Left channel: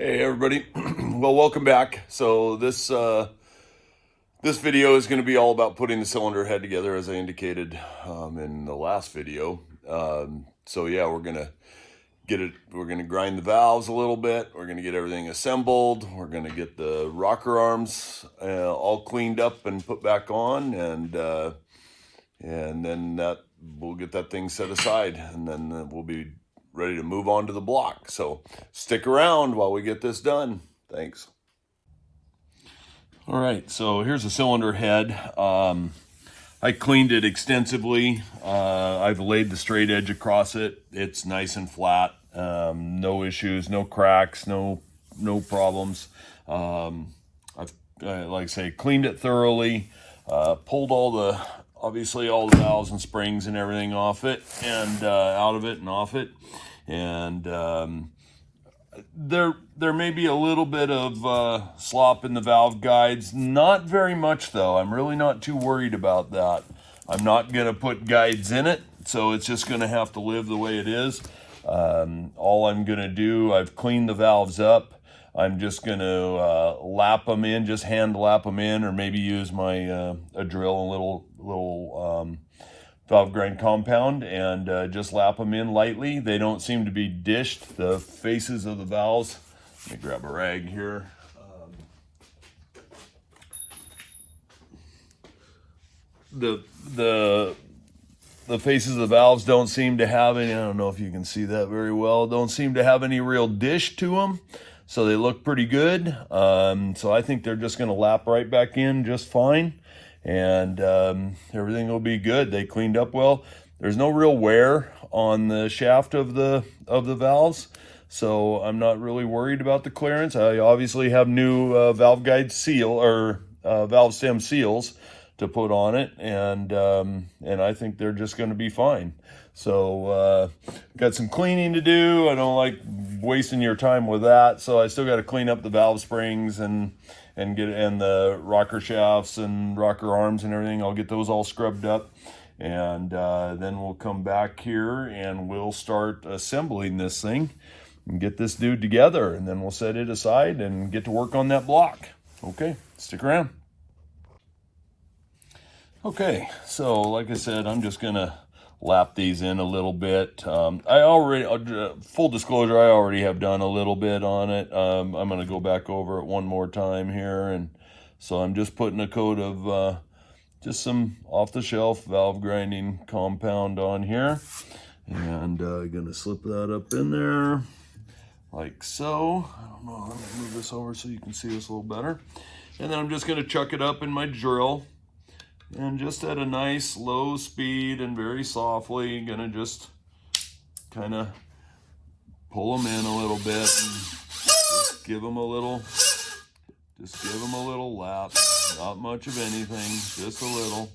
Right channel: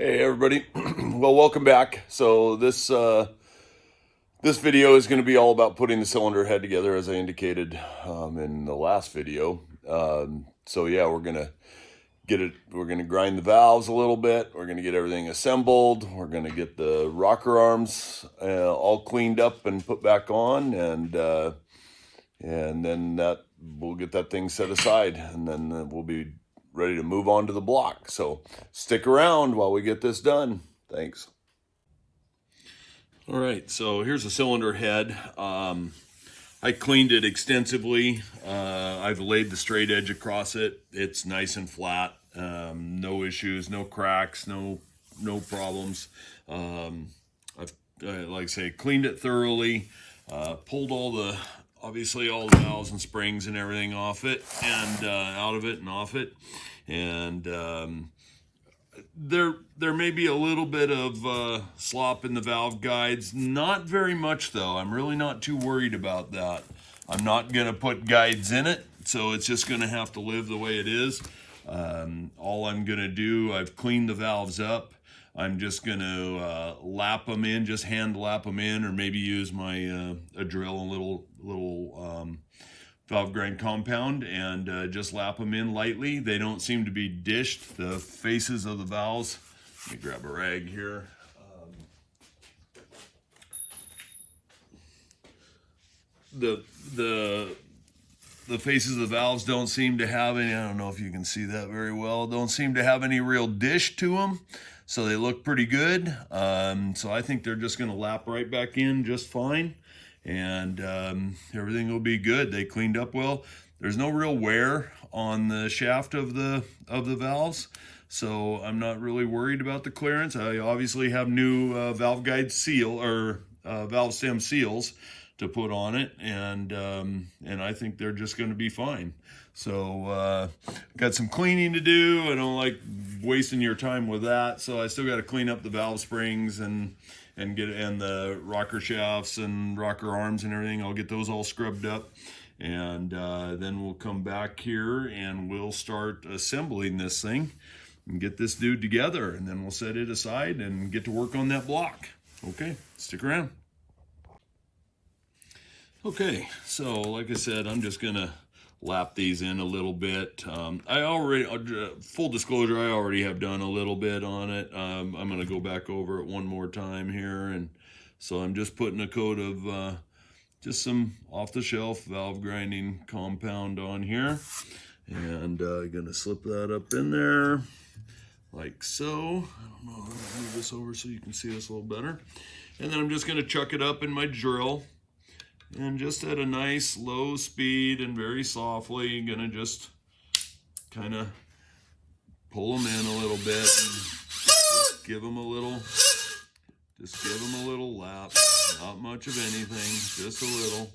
Hey everybody, well welcome back. So this video is going to be all about putting the cylinder head together, as I indicated in the last video. So yeah, we're gonna grind the valves a little bit. We're gonna get everything assembled. We're gonna get the rocker arms all cleaned up and put back on, and then we'll get that thing set aside, and then we'll be ready to move on to the block. So stick around while we get this done. Thanks. All right, so here's a cylinder head. I cleaned it extensively. I've laid the straight edge across it. It's nice and flat. No issues, no cracks, no problems. I've like I say, cleaned it thoroughly. Pulled obviously all the valves and springs and everything off it, and out of it and off it. And there may be a little bit of slop in the valve guides. Not very much though. I'm really not too worried about that. I'm not gonna put guides in it, so it's just gonna have to live the way it is. All I'm gonna do, I've cleaned the valves up. I'm just gonna lap them in, just hand lap them in, or maybe use my a drill, a little valve grind compound, and just lap them in lightly. They don't seem to be dished, the faces of the valves. Let me grab a rag here. The faces of the valves don't seem to have any, I don't know if you can see that very well, don't seem to have any real dish to them. So they look pretty good. So I think they're just gonna lap right back in just fine. And everything will be good. They cleaned up well. There's no real wear on the shaft of the valves, so I'm not really worried about the clearance. I obviously have new valve guide seal or valve stem seals to put on it, and I think they're just going to be fine. So got some cleaning to do. I don't like wasting your time with that, so I still got to clean up the valve springs and the rocker shafts and rocker arms and everything. I'll get those all scrubbed up, and then we'll come back here and we'll start assembling this thing and get this dude together, and then we'll set it aside and get to work on that block. Okay, stick around. Okay, so like I said, I'm just gonna lap these in a little bit. I already, full disclosure, I already have done a little bit on it. I'm gonna go back over it one more time here, and so I'm just putting a coat of just some off-the-shelf valve grinding compound on here, and gonna slip that up in there like so. I don't know, I'm gonna move this over so you can see this a little better, and then I'm just gonna chuck it up in my drill. And just at a nice low speed and very softly, gonna just kind of pull them in a little bit and just give them a little lap. Not much of anything, just a little,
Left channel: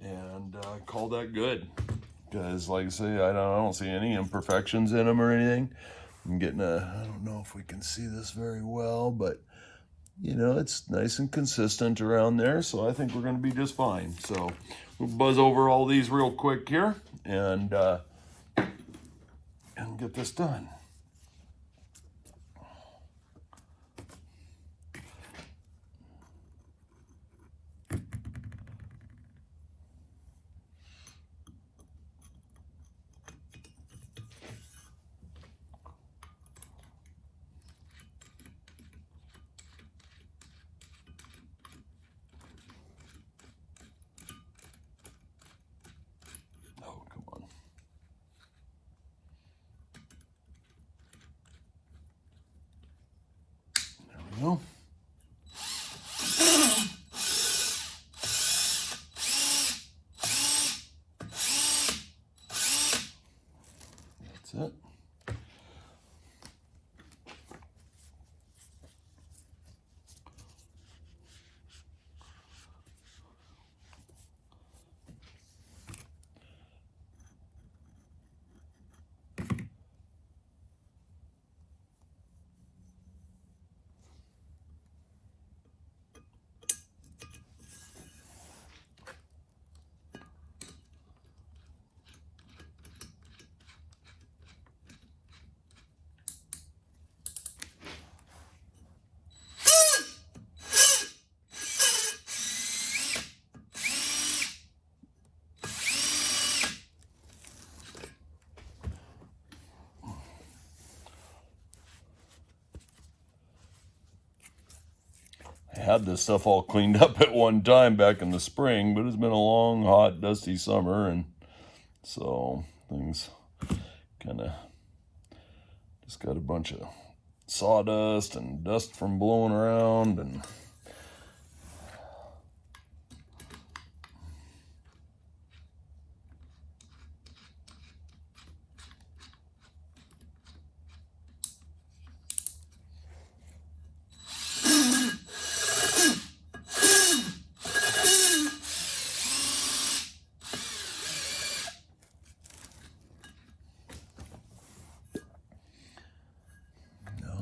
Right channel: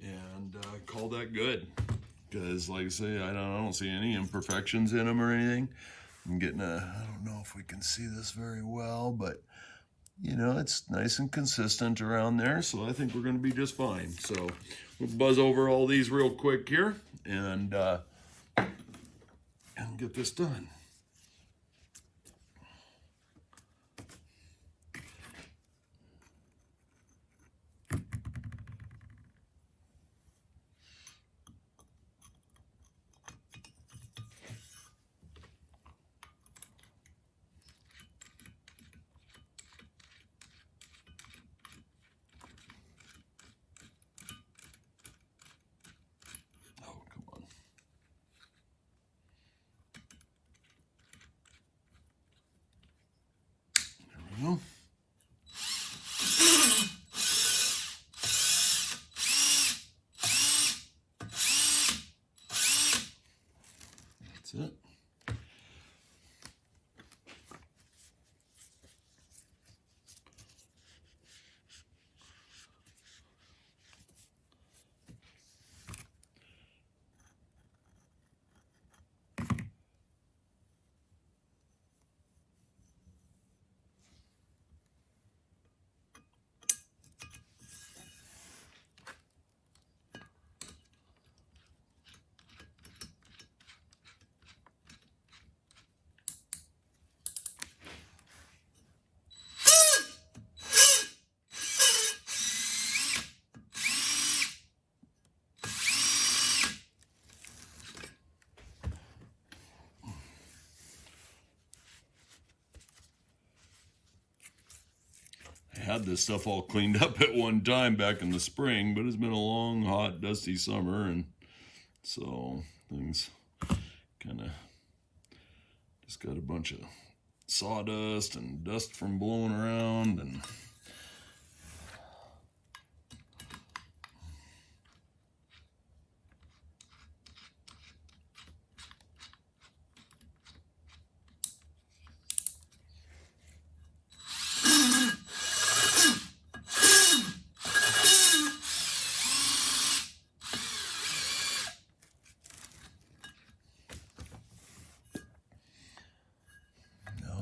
and call that good. Because like I say, I don't see any imperfections in them or anything. I don't know if we can see this very well, but you know, it's nice and consistent around there, so I think we're going to be just fine. So we'll buzz over all these real quick here and get this done. Oh, come on. There we go. That's it. had this stuff all cleaned up at one time back in the spring, but it's been a long, hot, dusty summer, and so things kind of just got a bunch of sawdust and dust from blowing around, and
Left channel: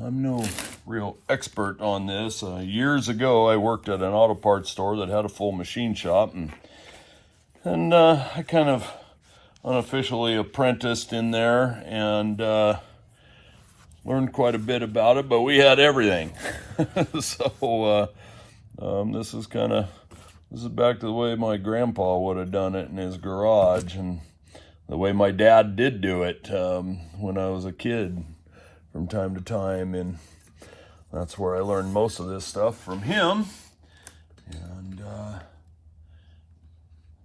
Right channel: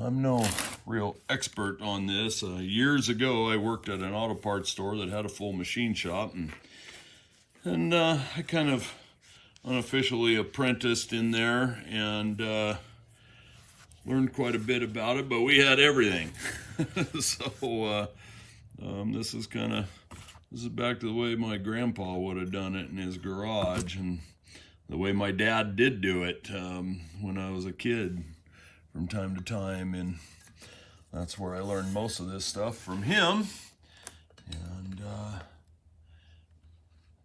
I'm no real expert on this. Years ago, I worked at an auto parts store that had a full machine shop, and I kind of unofficially apprenticed in there and learned quite a bit about it, but we had everything. So this is back to the way my grandpa would have done it in his garage, and the way my dad did do it when I was a kid from time to time, and that's where I learned most of this stuff from him, and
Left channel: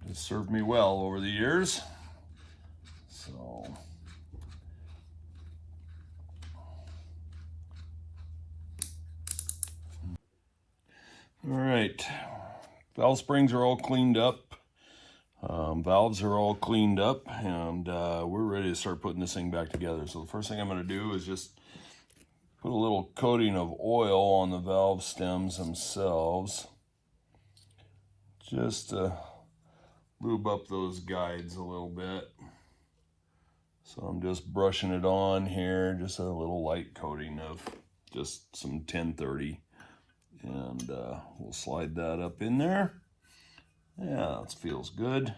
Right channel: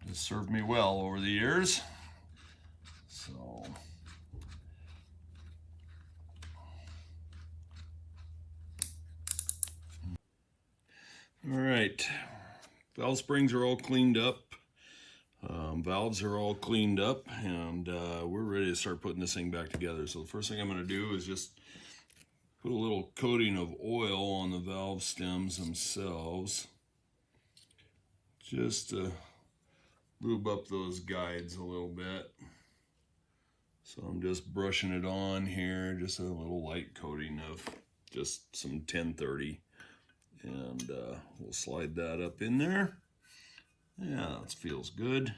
it served me well over the years. So all right, valve springs are all cleaned up, valves are all cleaned up, and we're ready to start putting this thing back together. So the first thing I'm going to do is just put a little coating of oil on the valve stems themselves, just to lube up those guides a little bit. So I'm just brushing it on here, just a little light coating of just some 1030, and we'll slide that up in there. Yeah, that feels good.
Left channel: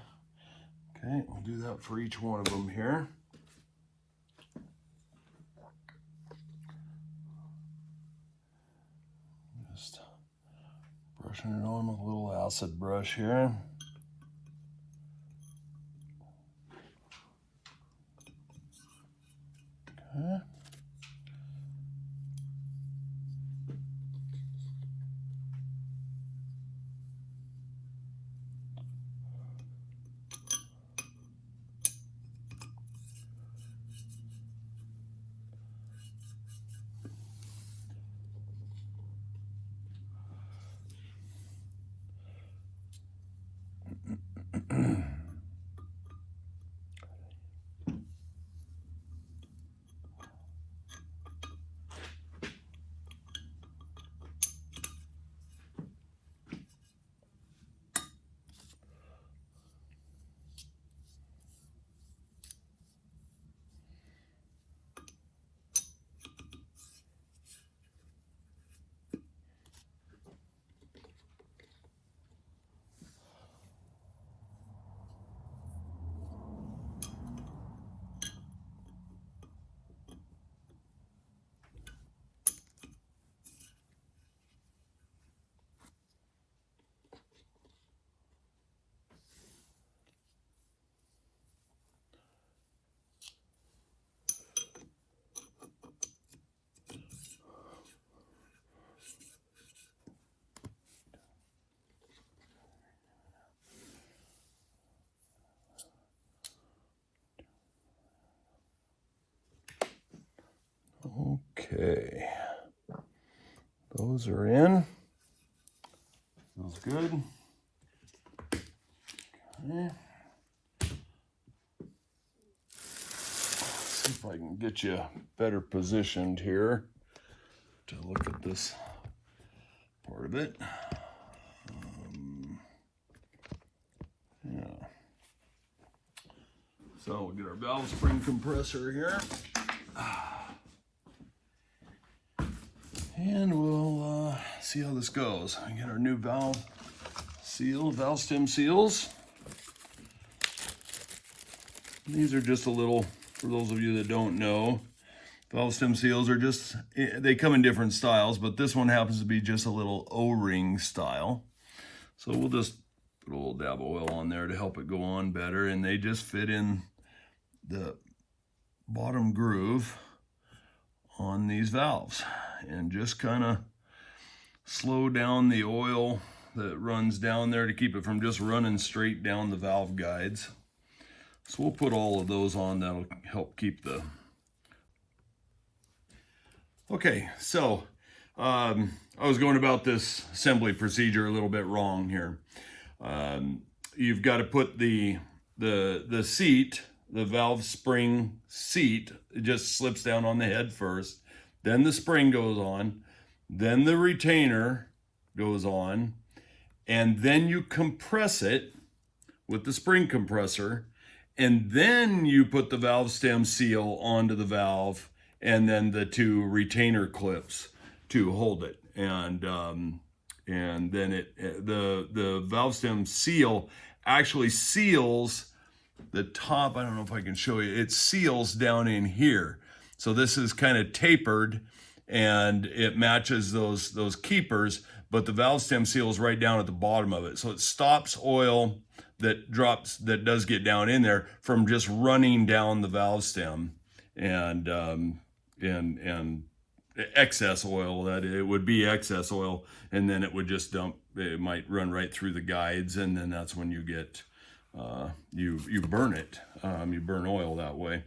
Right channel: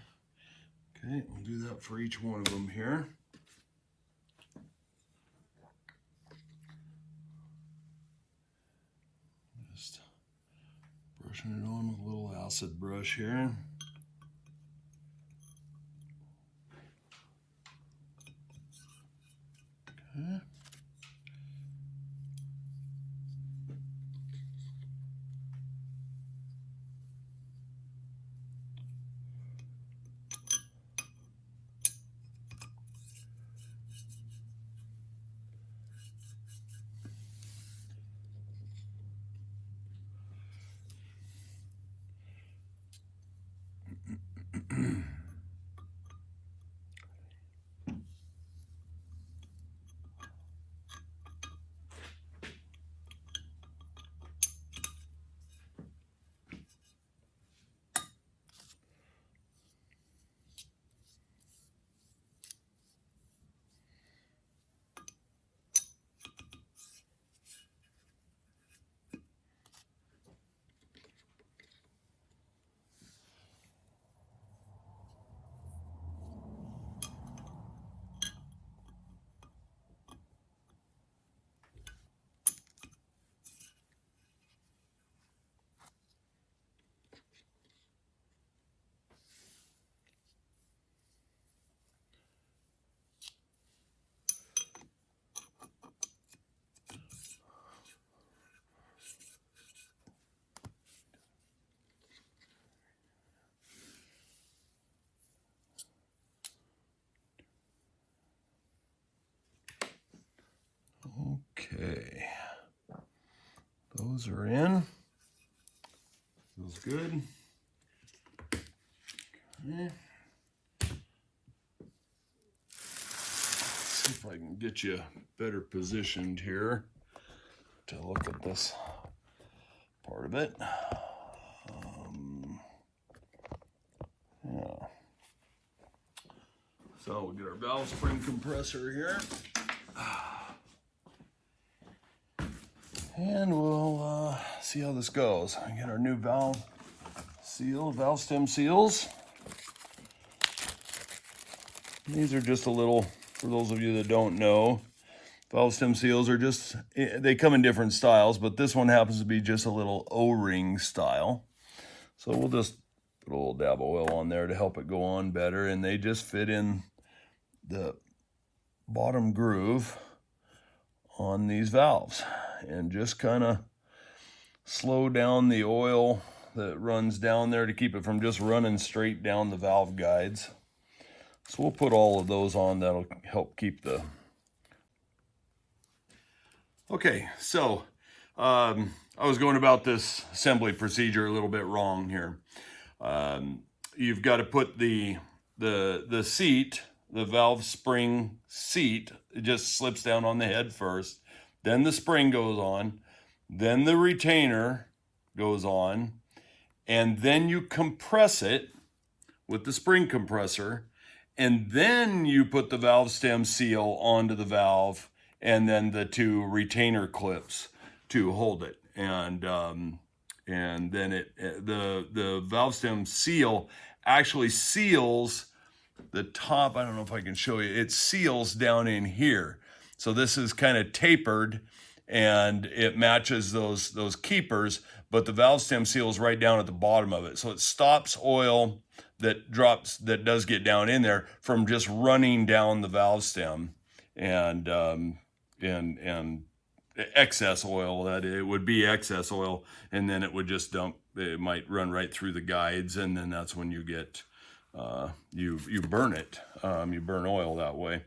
Okay, we'll do that for each one of them here. Just brushing it on with a little acid brush here. Okay. Okay, those are in. Feels good. Okay. See if I can get you better positioned here to look at this part of it. Yeah. So we'll get our valve spring compressor here. And we'll see how this goes. I get our new valve stem seals. These are just a little, for those of you that don't know, valve stem seals are just, they come in different styles, but this one happens to be just a little O-ring style. So we'll just put a little dab of oil on there to help it go on better, and they just fit in the bottom groove on these valves and just kind of slow down the oil that runs down there to keep it from just running straight down the valve guides. So we'll put all of those on. That'll help keep the... Okay, so I was going about this assembly procedure a little bit wrong here. You've got to put the seat, the valve spring seat, it just slips down on the head first. Then the spring goes on. Then the retainer goes on. And then you compress it with the spring compressor. And then you put the valve stem seal onto the valve, and then the two retainer clips to hold it. And then the valve stem seal actually seals the top. I don't know if I can show you. It seals down in here. So this is kind of tapered, and it matches those keepers, but the valve stem seal is right down at the bottom of it. So it stops oil that does get down in there from just running down the valve stem and excess oil. That it would be excess oil, and then it would just dump. It might run right through the guides, and then that's when you get you burn it. You burn oil that way.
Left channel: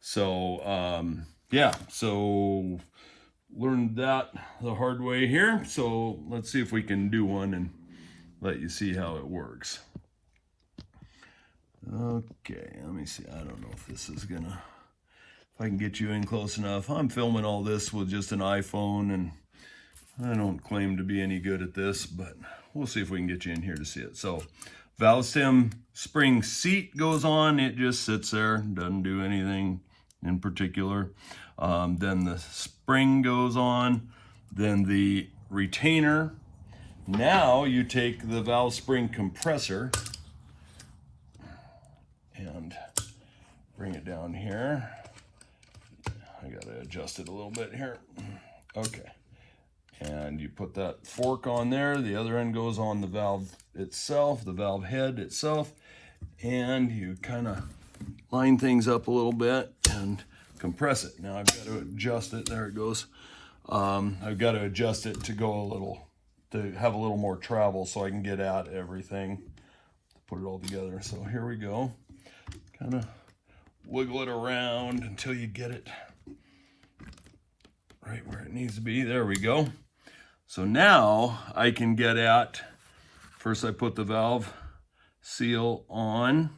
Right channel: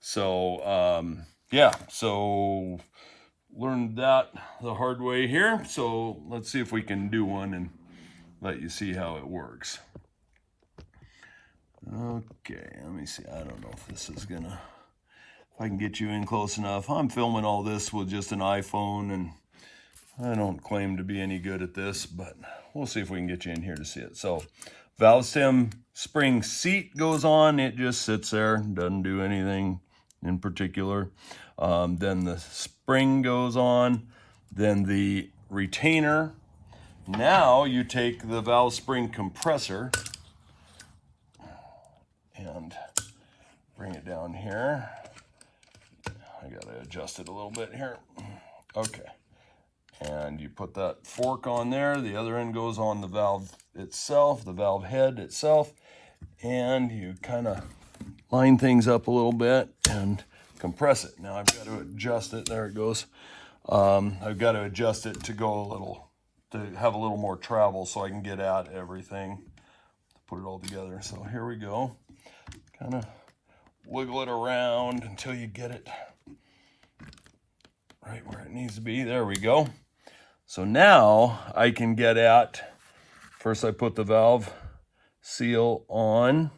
So yeah, so learned that the hard way here. So let's see if we can do one and let you see how it works. Okay, let me see. I don't know if this is gonna, if I can get you in close enough. I'm filming all this with just an iPhone, and I don't claim to be any good at this, but we'll see if we can get you in here to see it. So valve stem spring seat goes on. It just sits there, doesn't do anything in particular. Then the spring goes on, then the retainer. Now you take the valve spring compressor and bring it down here. I gotta adjust it a little bit here. Okay. And you put that fork on there. The other end goes on the valve itself, the valve head itself. And you kind of line things up a little bit and compress it. Now I've got to adjust it. There it goes. I've got to adjust it to go a little, to have a little more travel so I can get at everything, put it all together. So here we go. Kind of wiggle it around until you get it right where it needs to be. There we go. So now I can get at, first I put the valve seal on,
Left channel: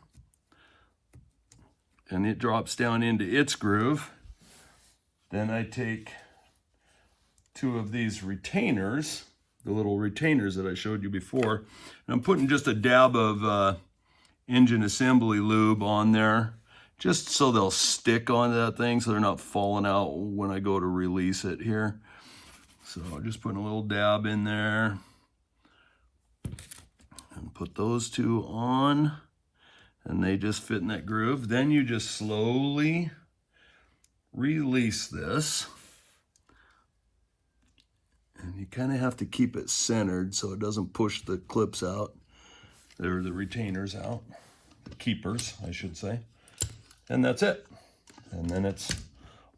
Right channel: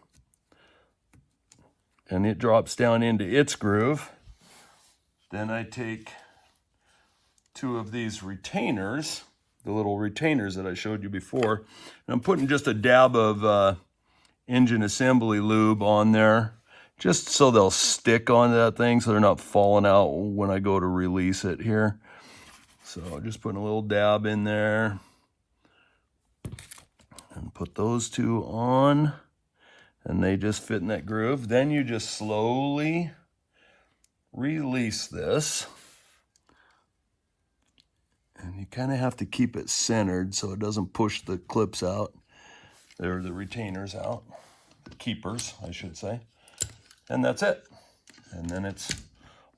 and it drops down into its groove. Then I take two of these retainers, the little retainers that I showed you before, and I'm putting just a dab of engine assembly lube on there, just so they'll stick on that thing so they're not falling out when I go to release it here. So just putting a little dab in there and put those two on, and they just fit in that groove. Then you just slowly release this, and you kind of have to keep it centered so it doesn't push the clips out, or the retainers out, the keepers I should say. And that's it. And then it's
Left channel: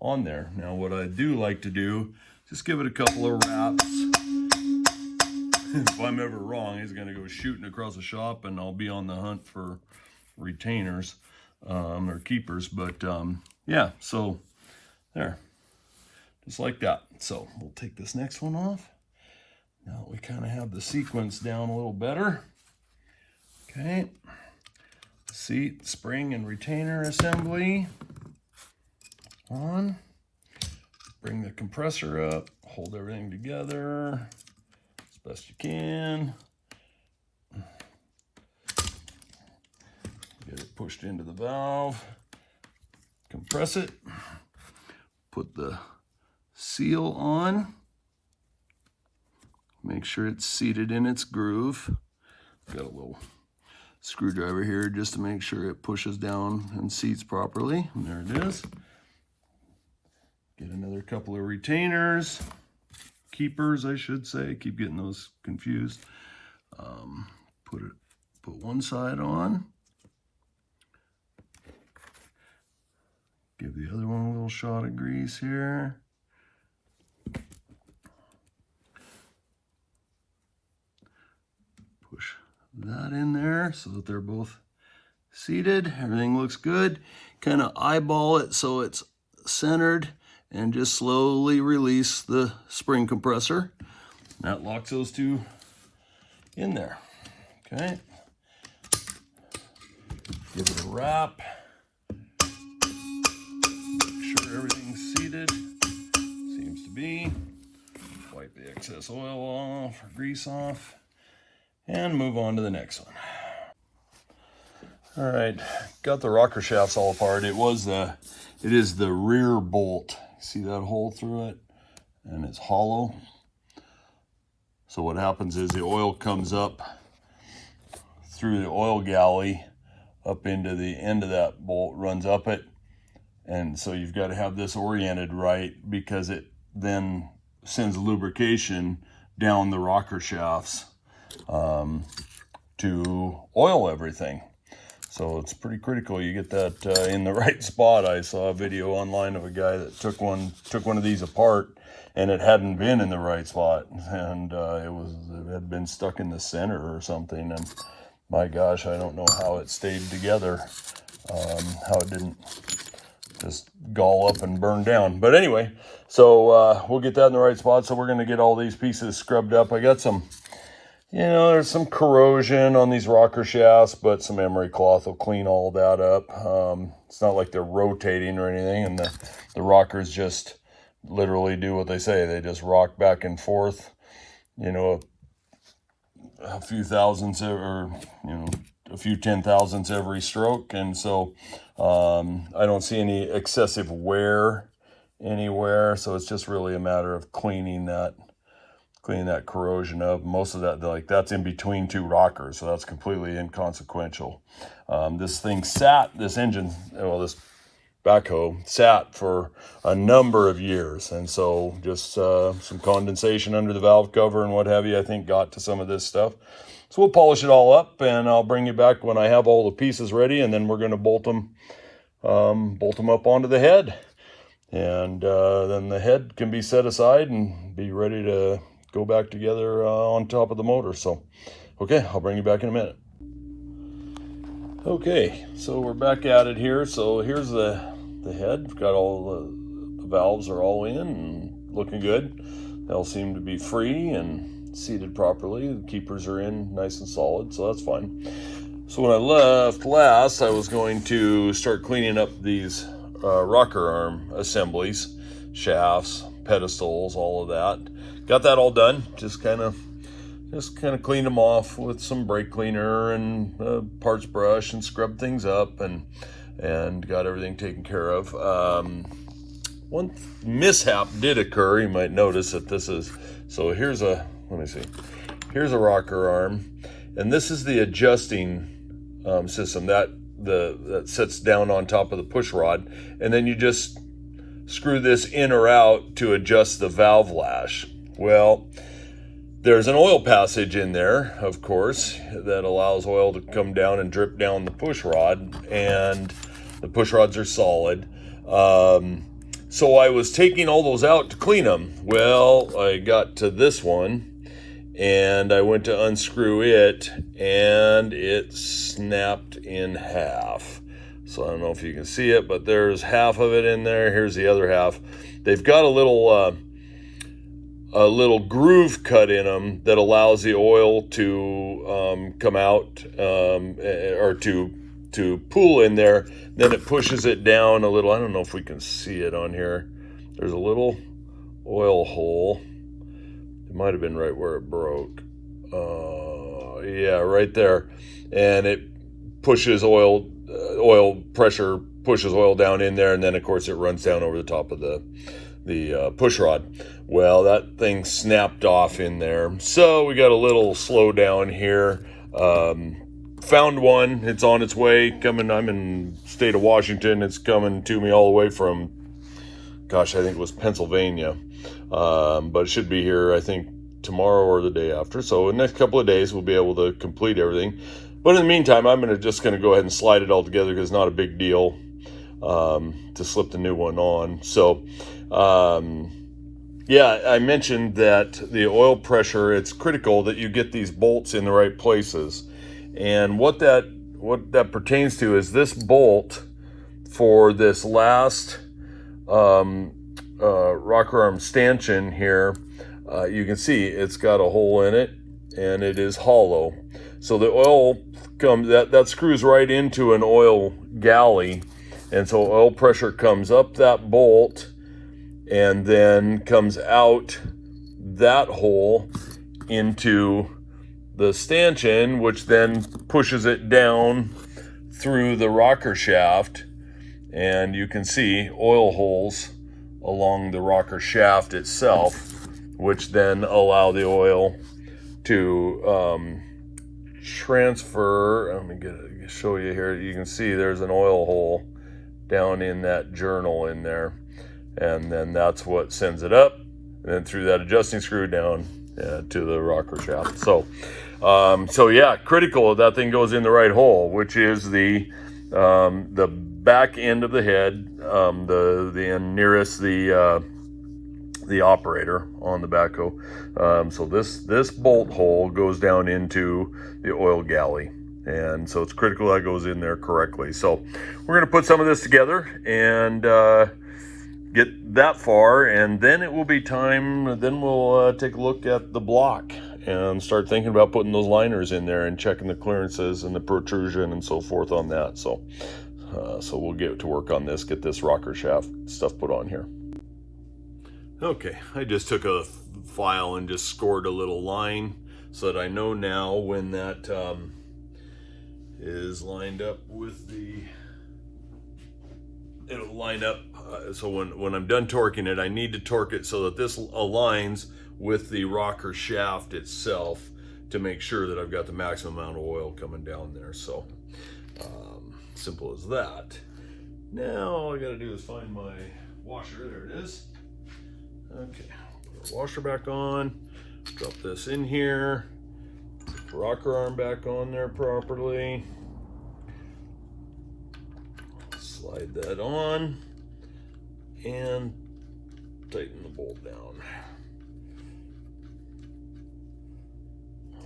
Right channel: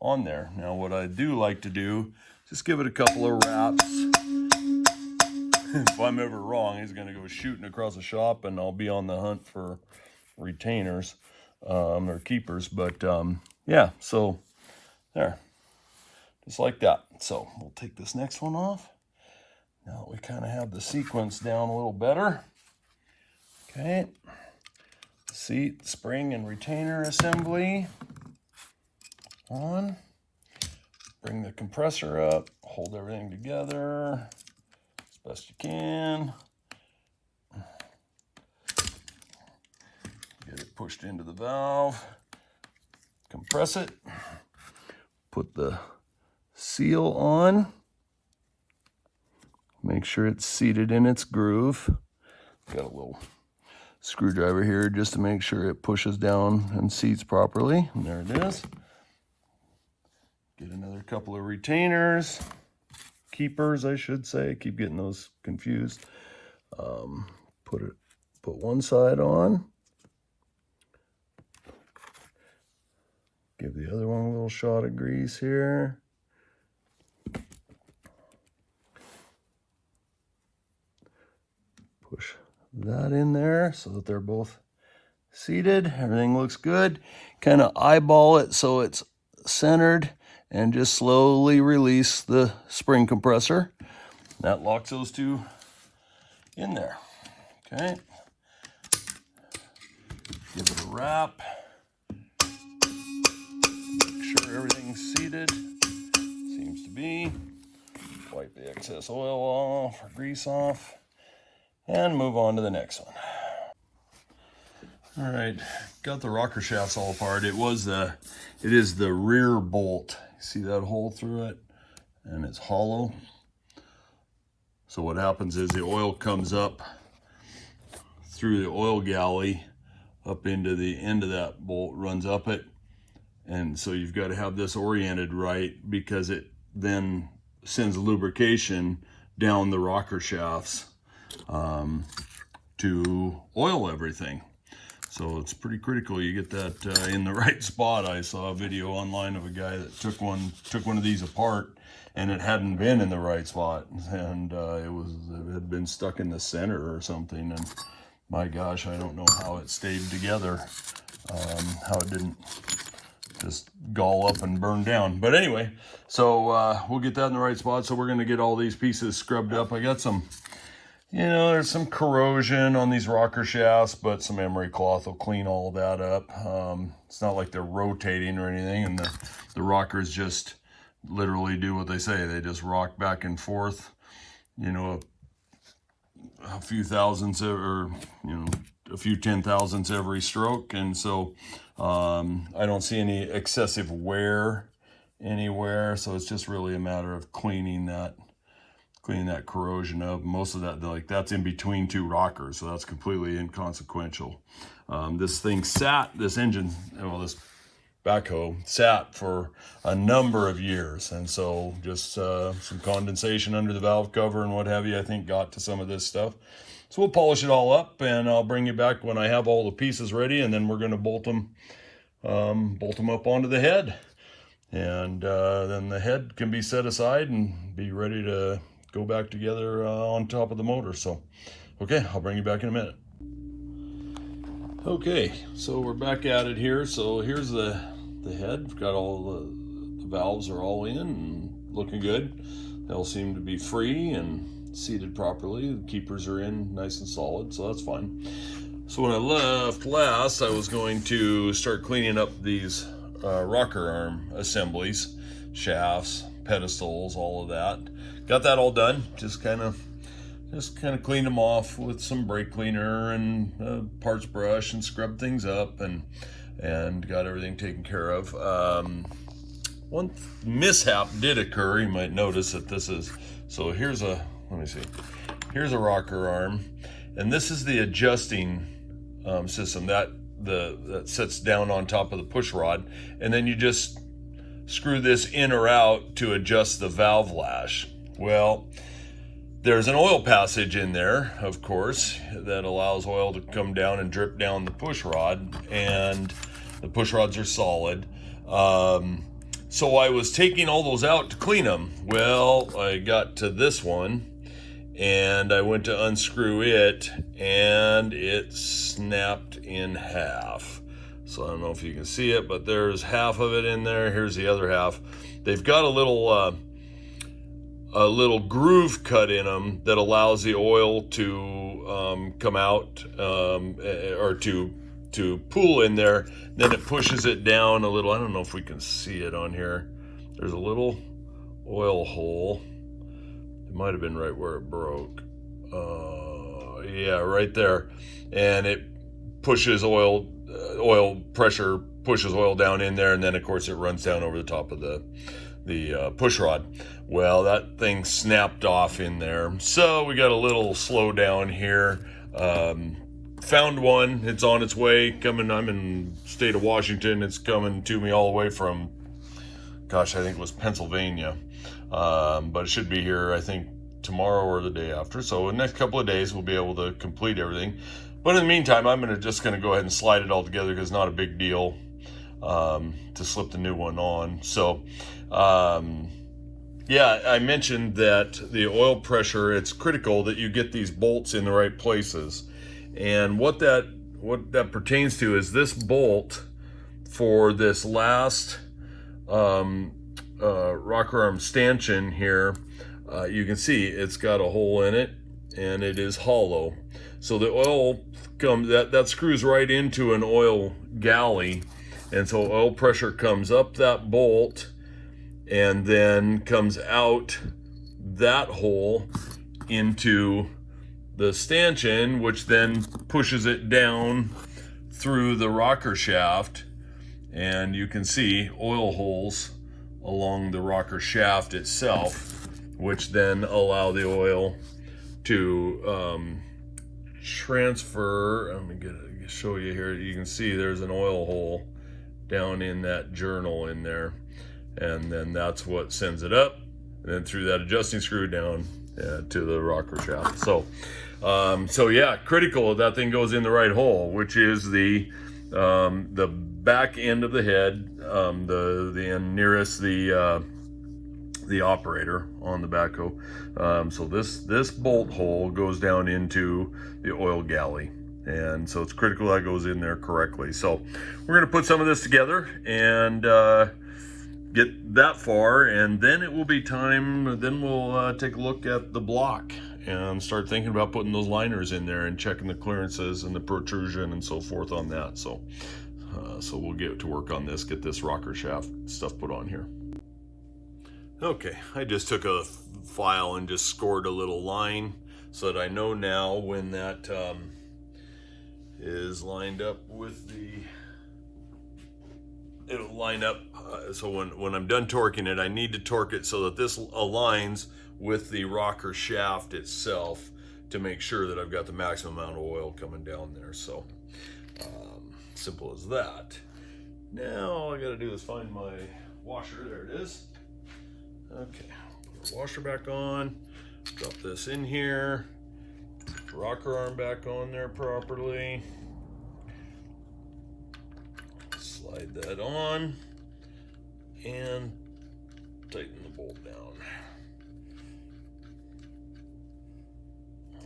on there. Now what I do like to do, just give it a couple of wraps. If I'm ever wrong, he's gonna go shooting across the shop and I'll be on the hunt for retainers or keepers. But yeah, so there, just like that. So we'll take this next one off. Now we kind of have the sequence down a little better. Okay, seat, spring, and retainer assembly on. Bring the compressor up, hold everything together as best you can. Get it pushed into the valve, compress it, put the seal on, make sure it's seated in its groove. Got a little screwdriver here just to make sure it pushes down and seats properly. And there it is. Get another couple of retainers, keepers I should say, keep getting those confused. Put one side on, give the other one a little shot of grease here. that in there so that they're both seated. Everything looks good. Kind of eyeball it so it's centered and just slowly release the spring compressor. That locks those two in there. Okay. Give it a wrap. Make sure everything's seated. Seems to be. Wipe the excess oil off or grease off and move on to the next one. All right, got the rocker shafts all apart. It is the rear bolt. See that hole through it? And it's hollow. So what happens is the oil comes up through the oil galley up into the end of that bolt, runs up it. And so you've got to have this oriented right because it then sends lubrication down the rocker shafts to oil everything. So it's pretty critical you get that in the right spot. I saw a video online of a guy that took one of these apart and it hadn't been in the right spot, and it had been stuck in the center or something. And my gosh, I don't know how it stayed together, how it didn't just gall up and burn down. But anyway, so we'll get that in the right spot. So we're going to get all these pieces scrubbed up. I got some, there's some corrosion on these rocker shafts, but some emery cloth will clean all that up. It's not like they're rotating or anything, and the rockers just literally do what they say. They just rock back and forth, a few thousandths or, a few 10,000ths every stroke. And so I don't see any excessive wear anywhere. So it's just really a matter of cleaning that corrosion up. Most of that, that's in between two rockers, so that's completely inconsequential. This backhoe sat for a number of years, and so just some condensation under the valve cover and what have you, I think, got to some of this stuff. So we'll polish it all up, and I'll bring you back when I have all the pieces ready, and then we're going to bolt them up onto the head, and then the head can be set aside and be ready to go back together on top of the motor. So, okay, I'll bring you back in a minute. Okay, so we're back at it here. So here's the head. We've got all the valves are all in and looking good. They all seem to be free and seated properly. The keepers are in nice and solid, so that's fine. So when I left last, I was going to start cleaning up these rocker arm assemblies, shafts, pedestals, all of that. Got that all done. Just kind of cleaned them off with some brake cleaner and parts brush and scrubbed things up and got everything taken care of. One mishap did occur. You might notice that this is, so here's a rocker arm, and this is the adjusting system that sits down on top of the push rod, and then you just screw this in or out to adjust the valve lash. Well, there's an oil passage in there, of course, that allows oil to come down and drip down the push rod, and the push rods are solid. So I was taking all those out to clean them. Well, I got to this one, and I went to unscrew it, and it snapped in half. So I don't know if you can see it, but there's half of it in there. Here's the other half. They've got a little groove cut in them that allows the oil to come out or to pool in there. Then it pushes it down a little. I don't know if we can see it on here. There's a little oil hole. It might have been right where it broke. Yeah, right there. And it pushes oil pressure pushes oil down in there, and then of course it runs down over the top of the push rod. Well, that thing snapped off in there, so we got a little slowdown here. Found one. It's on its way coming. I'm in the state of Washington. It's coming to me all the way from, gosh, I think it was Pennsylvania, but it should be here, I think, tomorrow or the day after. So in the next couple of days we'll be able to complete everything. But in the meantime, I'm just going to go ahead and slide it all together because it's not a big deal to slip the new one on. So yeah, I mentioned that the oil pressure, it's critical that you get these bolts in the right places. And what that pertains to is this bolt for this last rocker arm stanchion here. You can see it's got a hole in it and it is hollow. So the oil comes, that screws right into an oil galley, and so oil pressure comes up that bolt and then comes out that hole into the stanchion, which then pushes it down through the rocker shaft, and you can see oil holes along the rocker shaft itself, which then allow the oil to transfer. Let me show you here. You can see there's an oil hole down in that journal in there, and then that's what sends it up and then through that adjusting screw down to the rocker shaft. So yeah, critical that thing goes in the right hole, which is the back end of the head, the end nearest the operator on the backhoe. So this bolt hole goes down into the oil galley, and so it's critical that goes in there correctly. So we're going to put some of this together and get that far, and then it will be time. Then we'll take a look at the block and start thinking about putting those liners in there and checking the clearances and the protrusion and so forth on that. So we'll get to work on this, get this rocker shaft stuff put on here. Okay, I just took a file and just scored a little line so that I know now when that is lined up with it'll line up. So when I'm done torquing it, I need to torque it so that this aligns with the rocker shaft itself to make sure that I've got the maximum amount of oil coming down there. So simple as that. Now all I gotta do is find my washer. There it is. Okay, put our washer back on, drop this in here, put the rocker arm back on there properly, slide that on, and tighten the bolt down.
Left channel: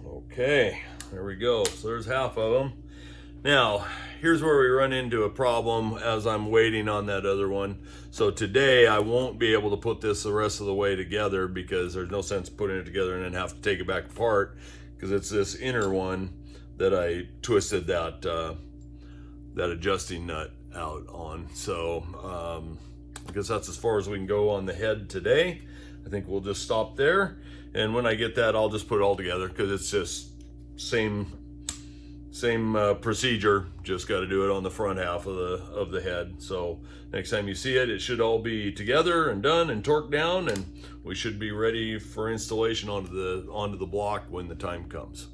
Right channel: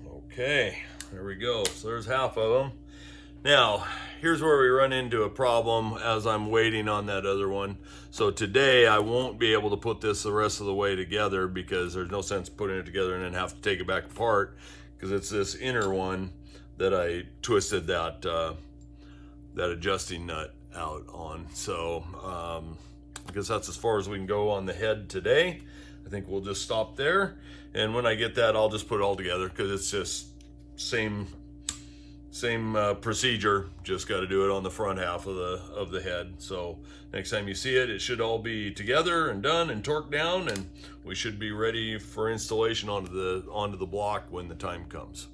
Okay, there we go. So there's half of them. Now, here's where we run into a problem as I'm waiting on that other one. So today I won't be able to put this the rest of the way together because there's no sense putting it together and then have to take it back apart, because it's this inner one that I twisted that adjusting nut out on. So I guess that's as far as we can go on the head today. I think we'll just stop there, and when I get that, I'll just put it all together, because it's just same procedure, just got to do it on the front half of the head. So next time you see it, it should all be together and done and torqued down, and we should be ready for installation onto the block when the time comes.